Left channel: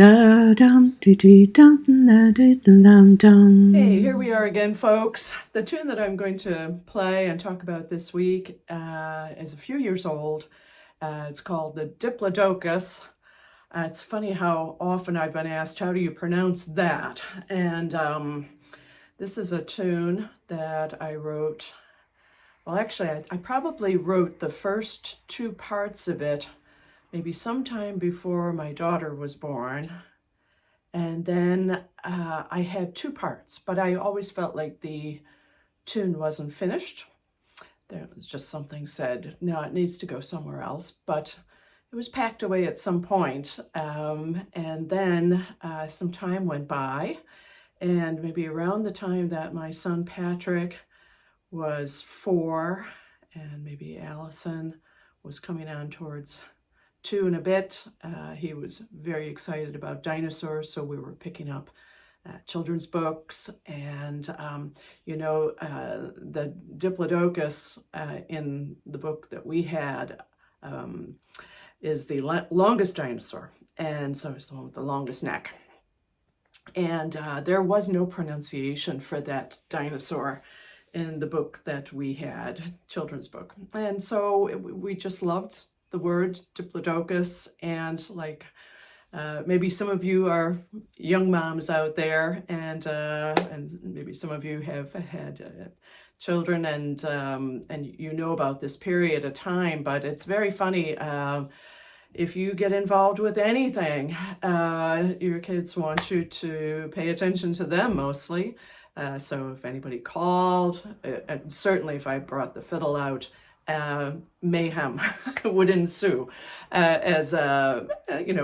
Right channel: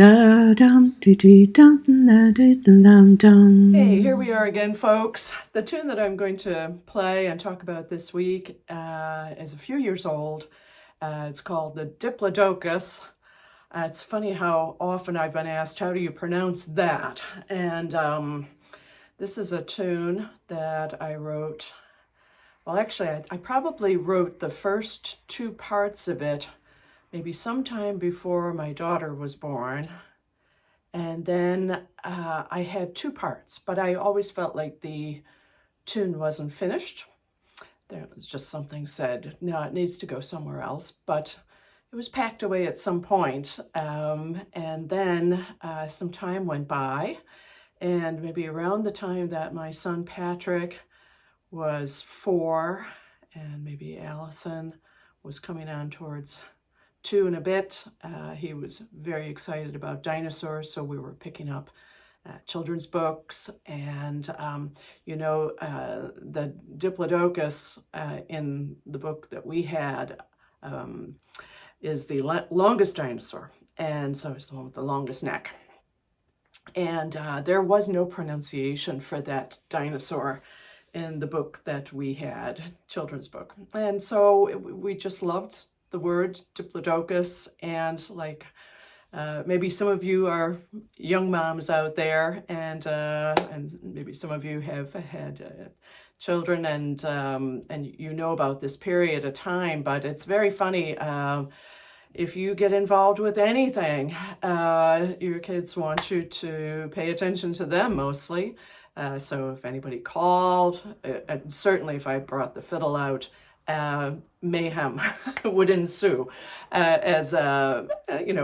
Hey, here we are again, folks. The tune that I'm going to play and talk about this week is a few years old. It's called the Diplodocus. It's funny how often I've been asked, how do you pronounce that? And this is a tune that I wrote. Well, actually, I probably wrote the first two parts of it maybe sometime before my daughter was born. And then I had two parts, but I always felt like the tune wasn't finished. There was just something said, no, it needs to go somewhere else, but it was packed away at some point. And then some time went by, and maybe around the time that my son Patrick was 4, and maybe Allison was coming on towards 2 and a bit. He was very excited about dinosaurs, so we were picking up children's books. And, the Diplodocus in the book that we had is the longest dinosaur. And so it's the one with the longest neck. And there was no pronunciation for that dinosaur in the book that we had, children's book. And so we just loved the word Diplodocus, and maybe some of you are young moms out there, and maybe some of you have had children, and you know about this period of time. But it's very funny. If you get involved with anything, your kids want you to pay attention to them mostly. So if anybody called, and certainly if I brought the fiddle out, mayhem would ensue as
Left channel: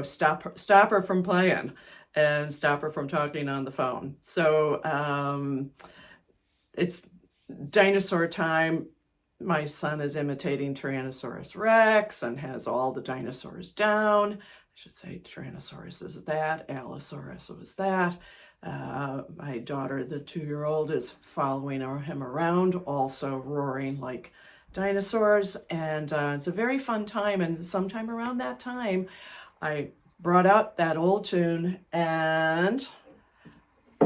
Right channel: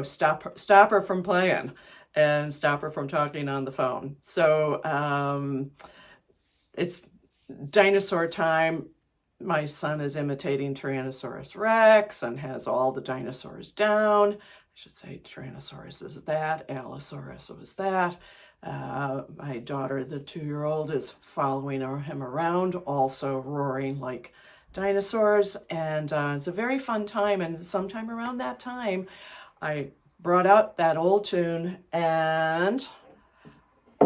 stop her from playing and stop her from talking on the phone. So it's dinosaur time. My son is imitating Tyrannosaurus Rex and has all the dinosaurs down. I should say Tyrannosaurus is that, Allosaurus was that. My daughter, the 2-year-old, is following him around, also roaring like dinosaurs. And it's a very fun time. And sometime around that time, I brought out that old tune and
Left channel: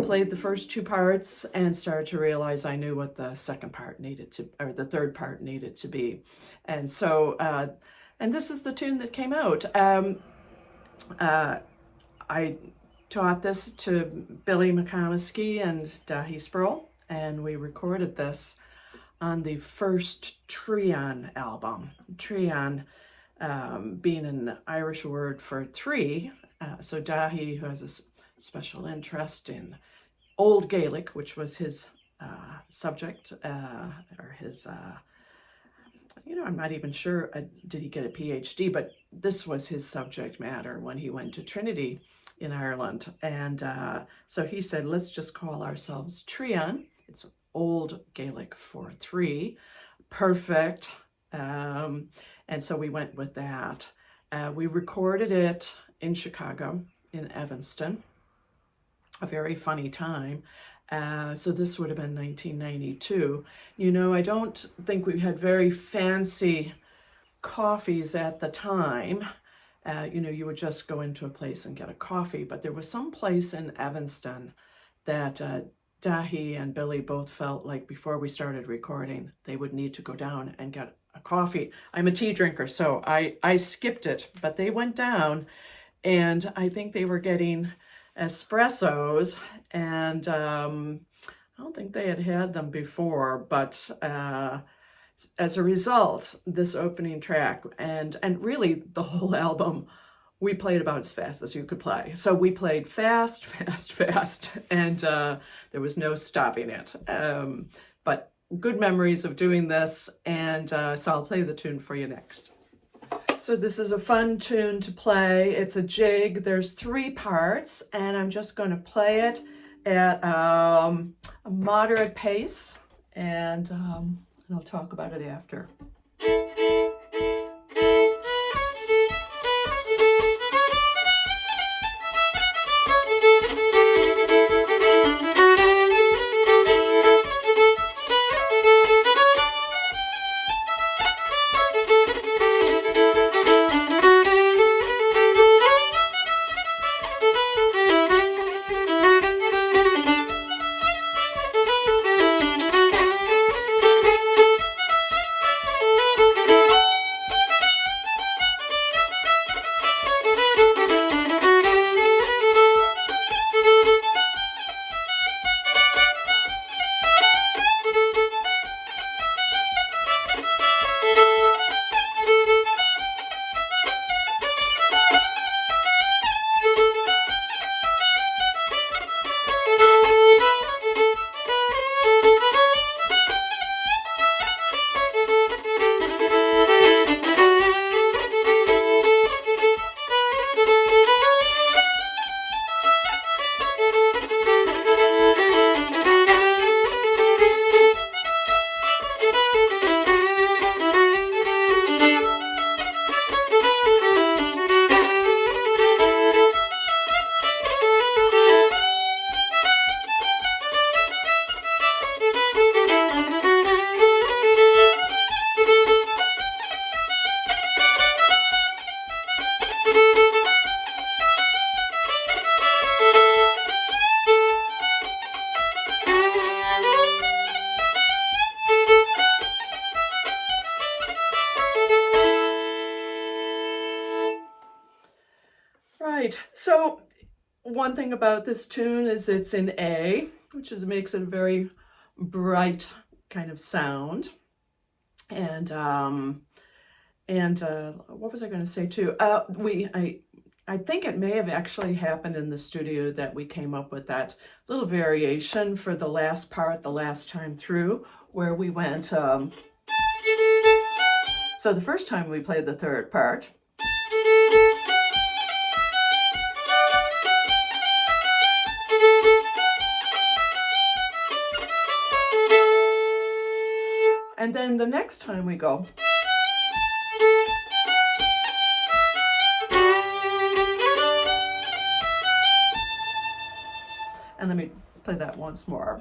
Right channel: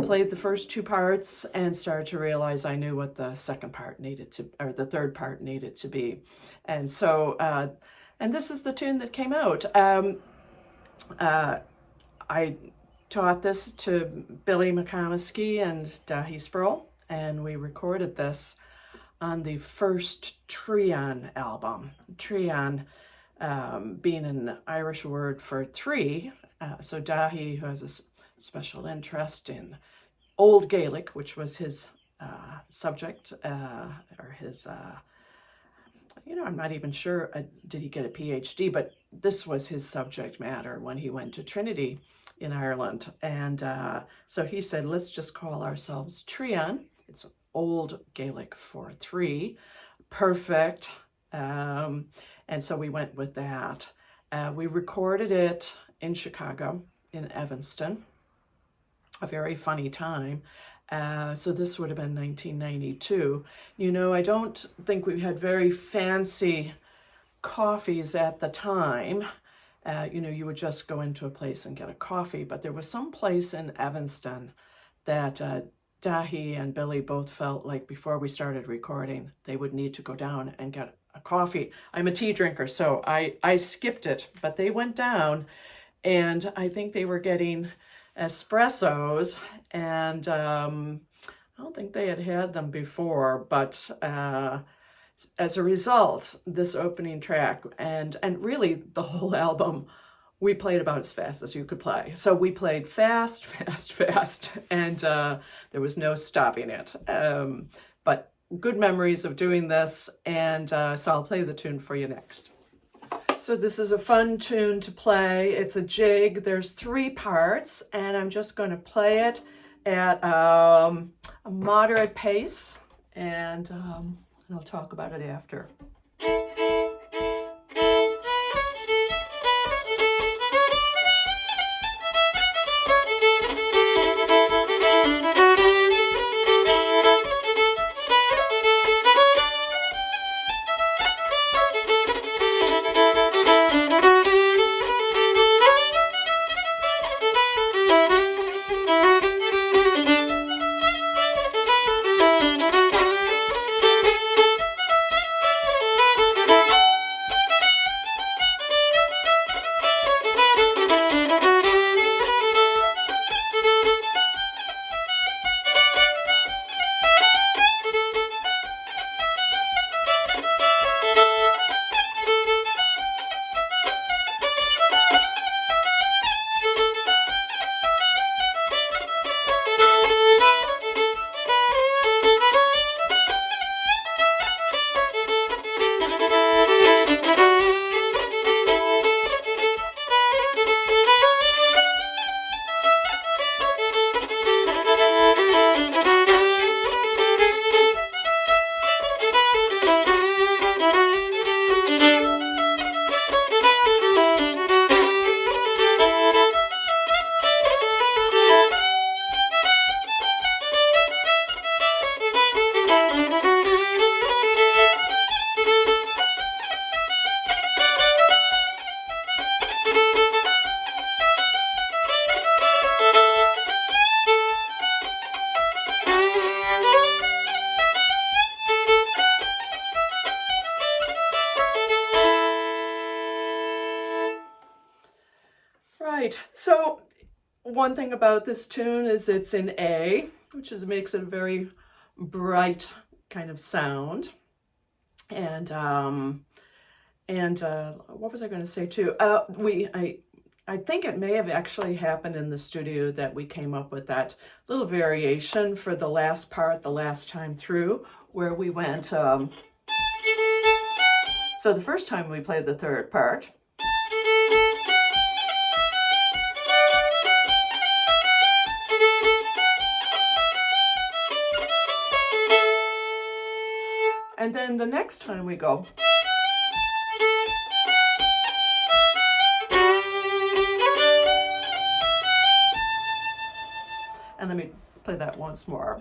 played the first 2 parts and started to realize I knew what the second part needed to, or the third part needed to be. And so, and this is the tune that came out. I taught this to Billy McComiskey and Dahi Sproul, and we recorded this on the first Trian album. Trian being an Irish word for 3. So Dahi, who has a special interest in Old Gaelic, which was his subject, or his, I'm not even sure, did he get a PhD, but this was his subject matter when he went to Trinity in Ireland. And so he said, let's just call ourselves Trian. It's Old Gaelic for 3. Perfect. And so we went with that. We recorded it in Chicago, in Evanston. A very funny time. So this would have been 1992. I don't think we had very fancy coffees at the time. You would just go into a place and get a coffee, but there was some place in Evanston that Dahi and Billy both felt like before we started recording, they would need to go down and get a coffee. I'm a tea drinker, so I skipped it, but they went down, and I think they were getting espressos, and I don't think they had them before, but as a result, this opening track and really the whole album, we played about as fast as you could play. So we played fast, and there was no stopping it. But good memories of doing this, and so I'll play the tune for you next. So this is a fun tune to play. It's a jig. There's 3 parts, and I'm just going to play it at a moderate pace, and I'll talk about it after. right, so one thing about this tune is it's in A, which makes it a very bright kind of sound. And what was I going to say too? I think it may have actually happened in the studio that we came up with that little variation for the last part, the last time through, where we went, so the first time we played the third part, and then the next time we go, and let me play that once more.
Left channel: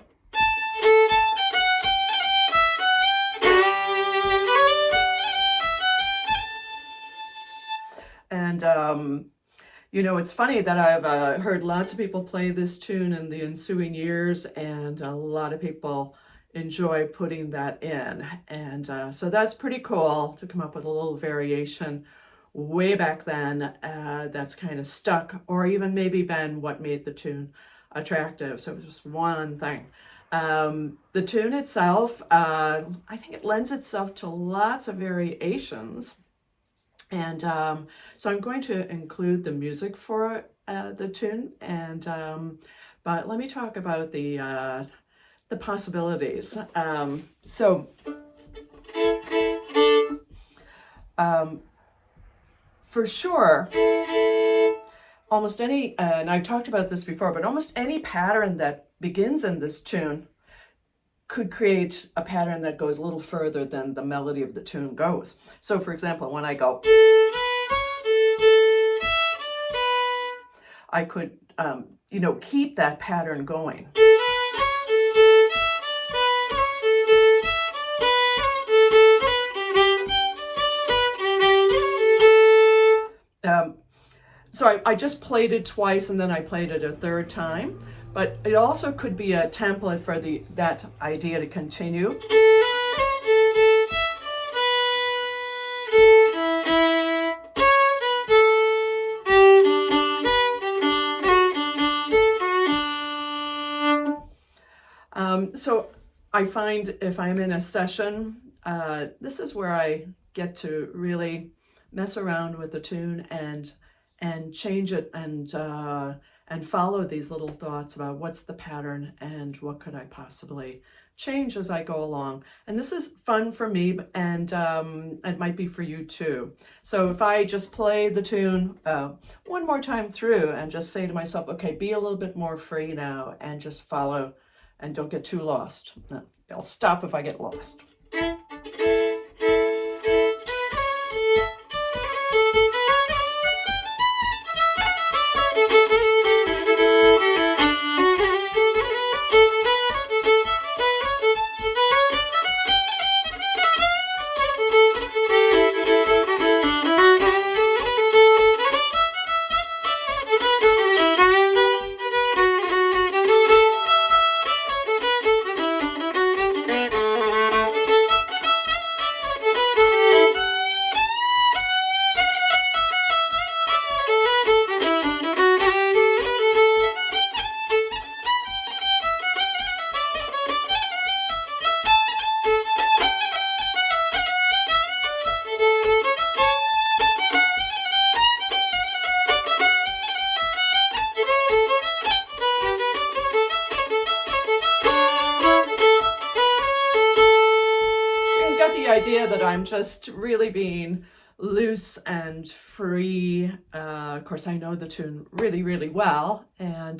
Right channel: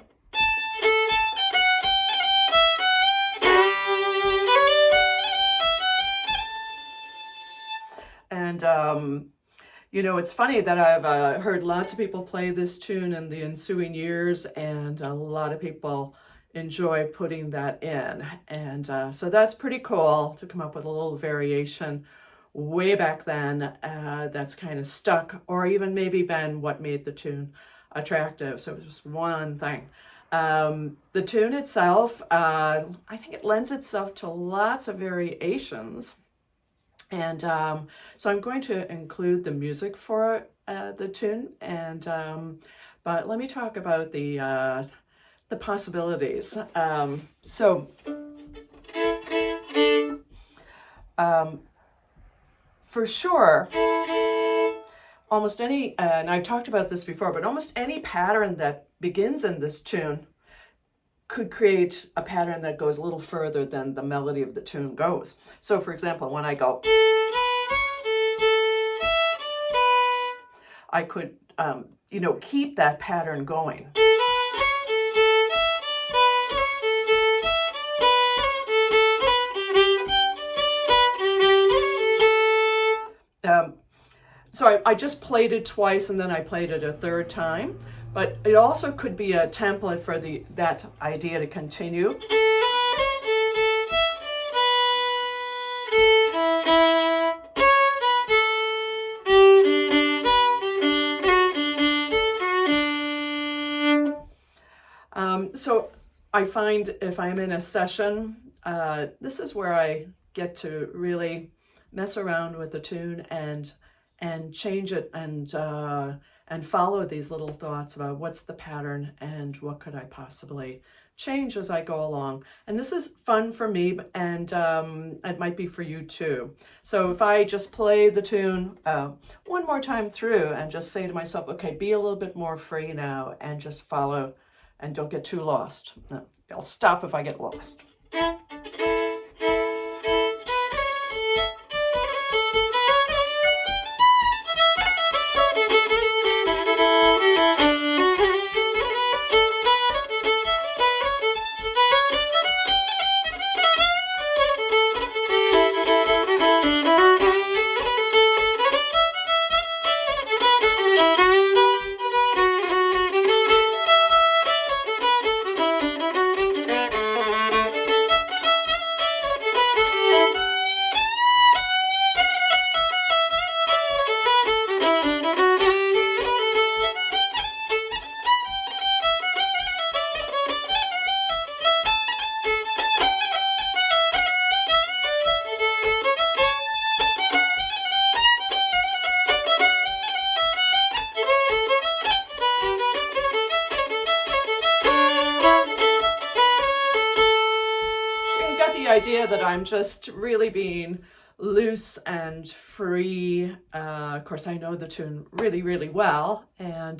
And, you know, it's funny that I've heard lots of people play this tune in the ensuing years, and a lot of people enjoy putting that in. And so that's pretty cool to come up with a little variation way back then that's kind of stuck, or even maybe been what made the tune attractive. So it was just one thing. The tune itself, I think it lends itself to lots of variations. And so I'm going to include the music for the tune, and but let me talk about the possibilities. For sure, almost any, and I've talked about this before, but almost any pattern that begins in this tune could create a pattern that goes a little further than the melody of the tune goes. So for example, when I go, I could, you know, keep that pattern going. So I just played it twice, and then I played it a third time, but it also could be a template for that idea to continue. So I find if I'm in a session, this is where I get to really mess around with the tune and change it and follow these little thoughts about what's the pattern and what could I possibly change as I go along. And this is fun for me, and it might be for you too. So if I just play the tune one more time through and just say to myself, okay, be a little bit more free now and just follow and don't get too lost. I'll stop if I get lost. Idea that I'm just really being loose and free. Of course, I know the tune really, really well, and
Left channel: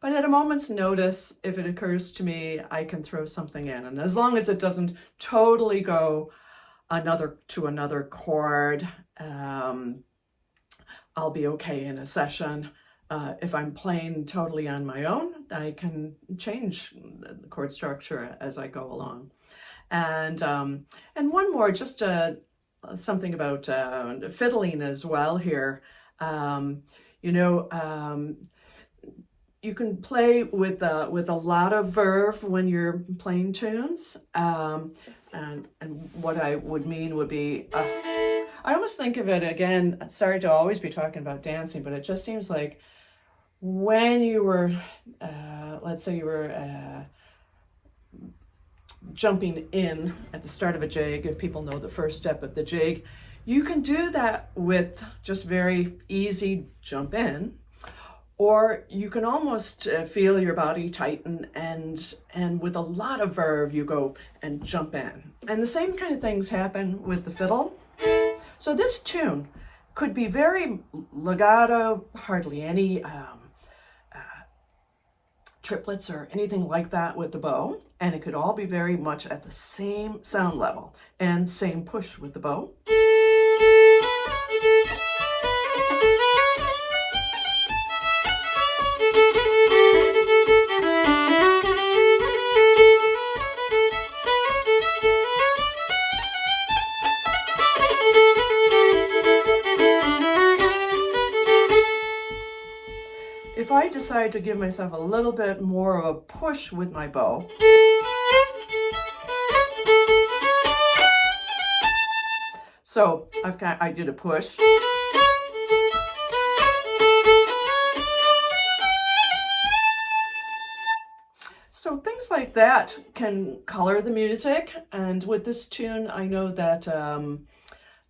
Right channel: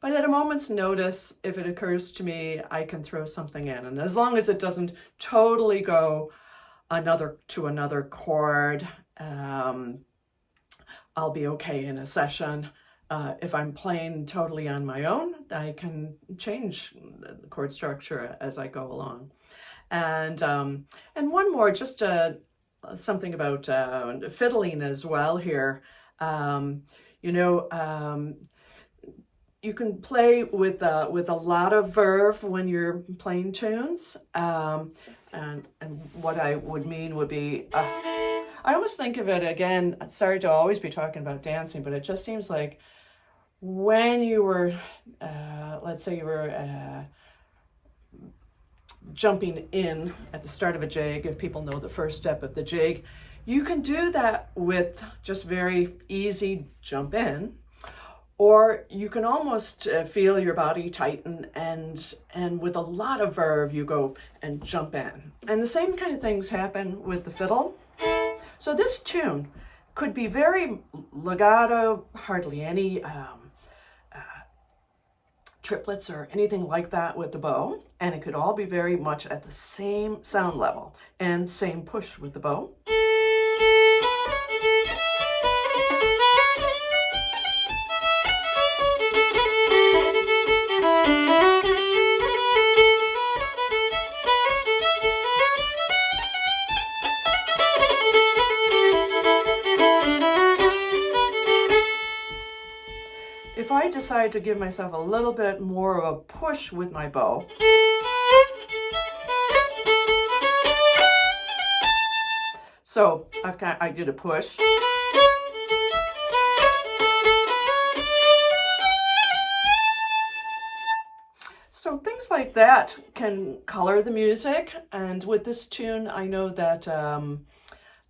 but at a moment's notice, if it occurs to me, I can throw something in, and as long as it doesn't totally go to another chord, I'll be okay in a session. If I'm playing totally on my own, I can change the chord structure as I go along. And one more, just something about fiddling as well here. You know, you can play with a lot of verve when you're playing tunes. And what I would mean would be, I almost think of it again, sorry to always be talking about dancing, but it just seems like when you were, let's say you were jumping in at the start of a jig, if people know the first step of the jig, you can do that with just very easy jump in, or you can almost feel your body tighten and with a lot of verve you go and jump in. And the same kind of things happen with the fiddle. So this tune could be very legato, hardly any triplets or anything like that with the bow, and it could all be very much at the same sound level and same push with the bow. If I decide to give myself a little bit more of a push with my bow, so I did a push. So things like that can color the music, and with this tune, I know that that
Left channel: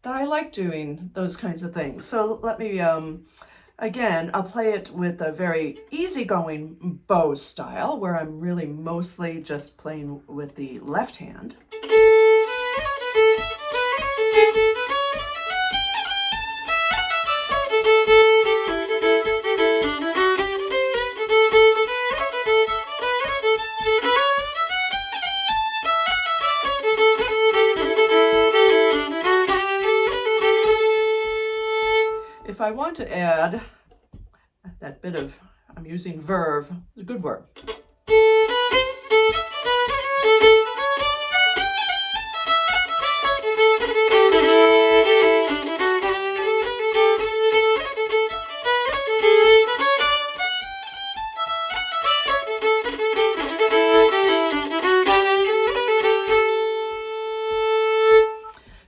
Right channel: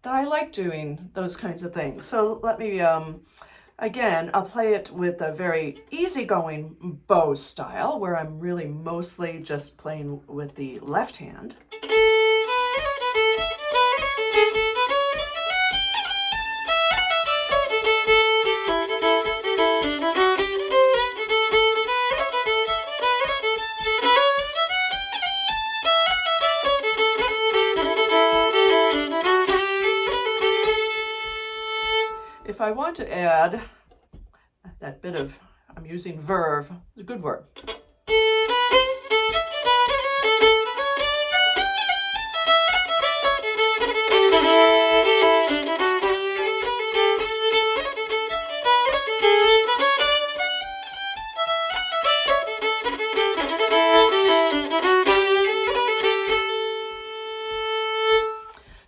I like doing those kinds of things. So let me. Again, I'll play it with a very easygoing bow style, where I'm really mostly just playing with the left hand. If I want to add that bit of, I'm using verve, it's a good verb.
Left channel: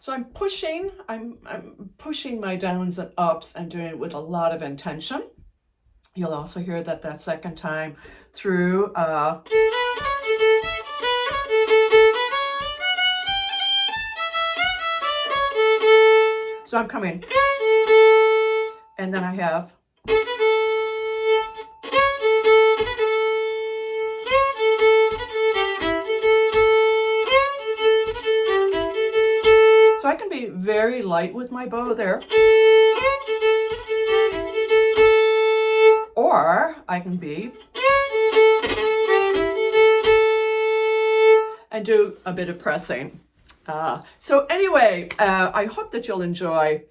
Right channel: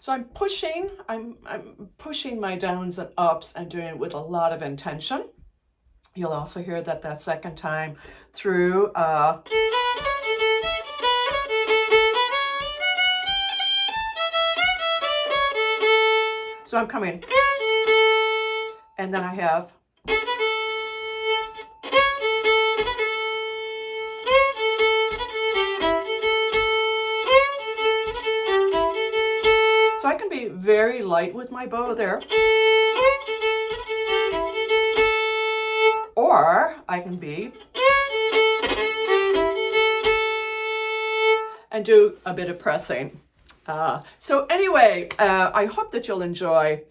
So I'm pushing my downs and ups and doing it with a lot of intention. You'll also hear that second time through. So I'm coming, and then I have. So I can be very light with my bow there. Or I can be and do a bit of pressing. So anyway, I hope that you'll enjoy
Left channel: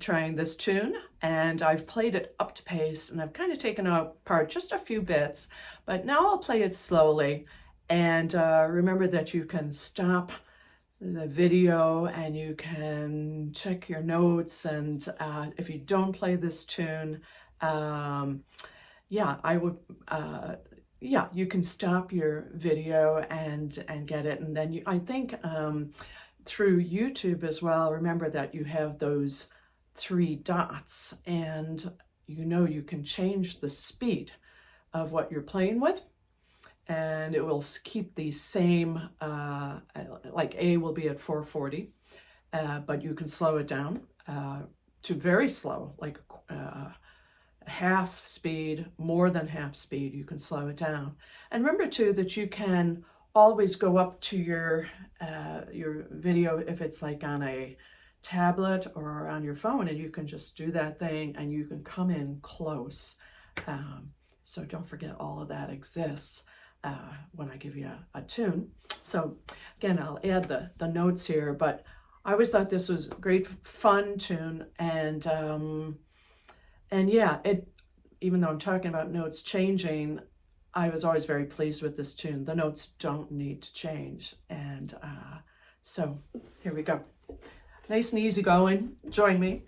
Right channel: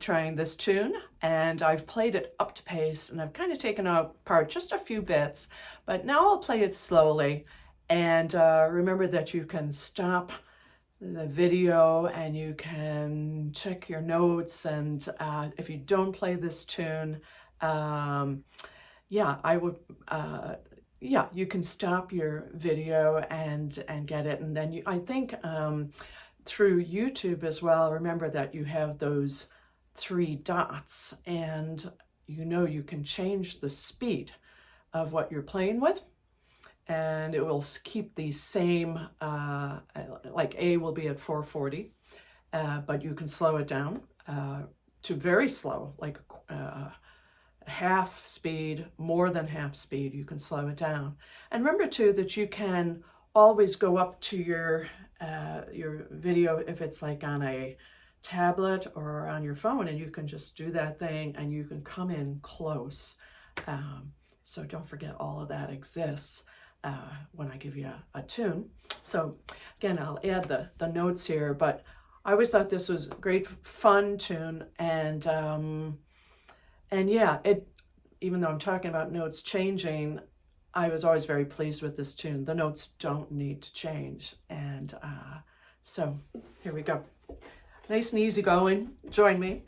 trying this tune, and I've played it up to pace, and I've kind of taken apart just a few bits, but now I'll play it slowly. And remember that you can stop the video and you can check your notes, and if you don't play this tune, yeah, I would, yeah, you can stop your video and get it. And then I think through YouTube as well, remember that you have those 3 dots, and you can change the speed of what you're playing with, and it will keep the same, like A will be at 440, but you can slow it down to very slow, like half speed, more than half speed, you can slow it down. And remember too that you can always go up to your video if it's like on a tablet or on your phone, and you can just do that thing and you can come in close. So don't forget all of that exists when I give you a tune. So again, I'll add the notes here, but I always thought this was a great fun tune, and yeah, even though I'm talking about notes changing, I was always very pleased with this tune. The notes don't need to change, and so here we go. Nice and easy going. Join me.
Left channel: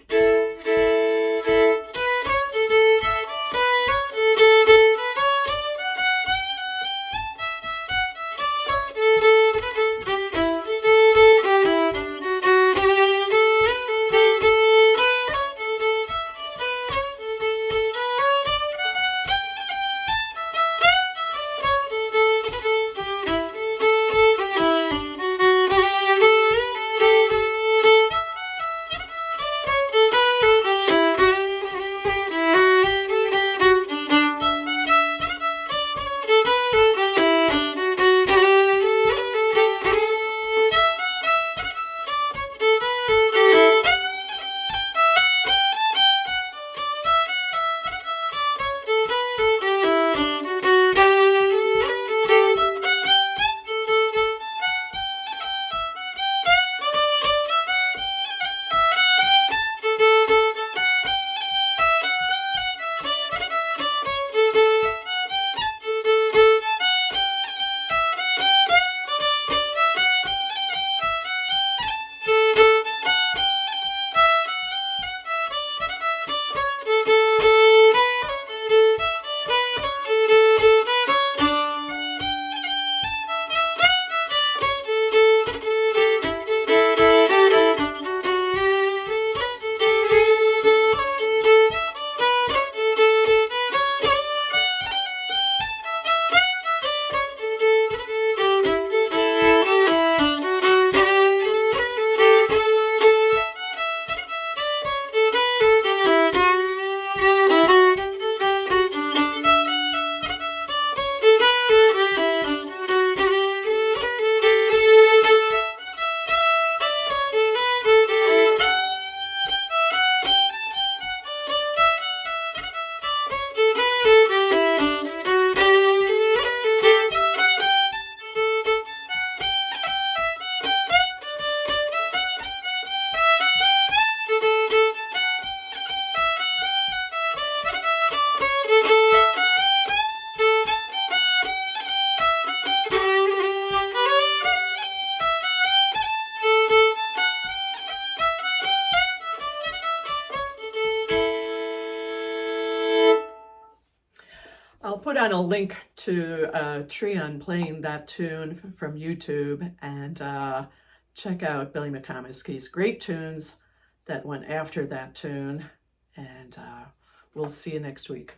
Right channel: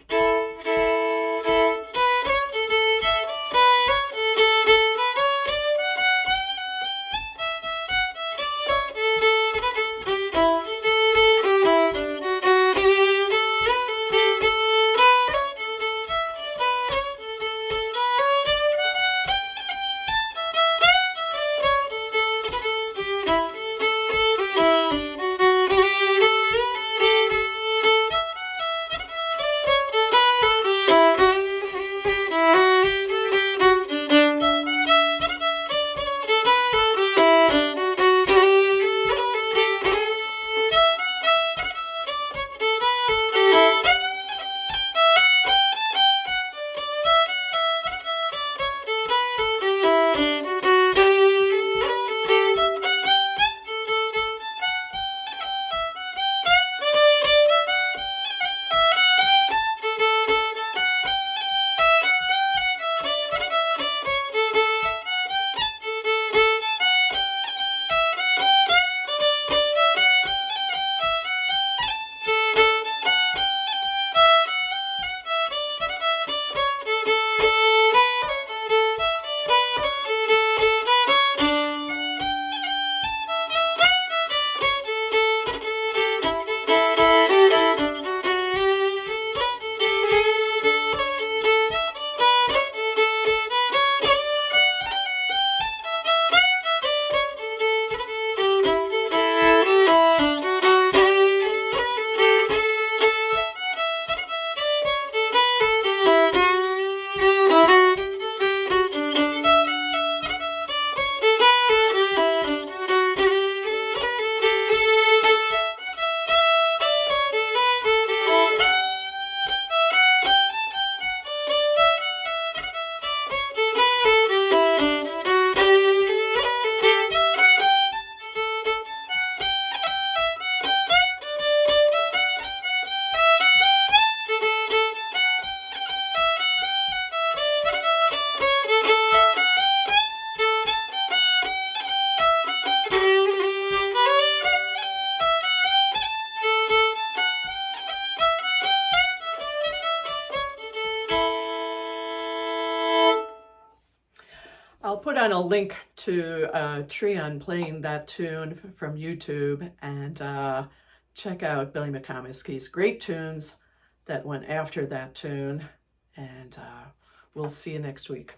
I'll put on a link to Trian playing that tune from YouTube, and check out Billy McComiskey's great tunes that went after that tune, and we'll see you next week.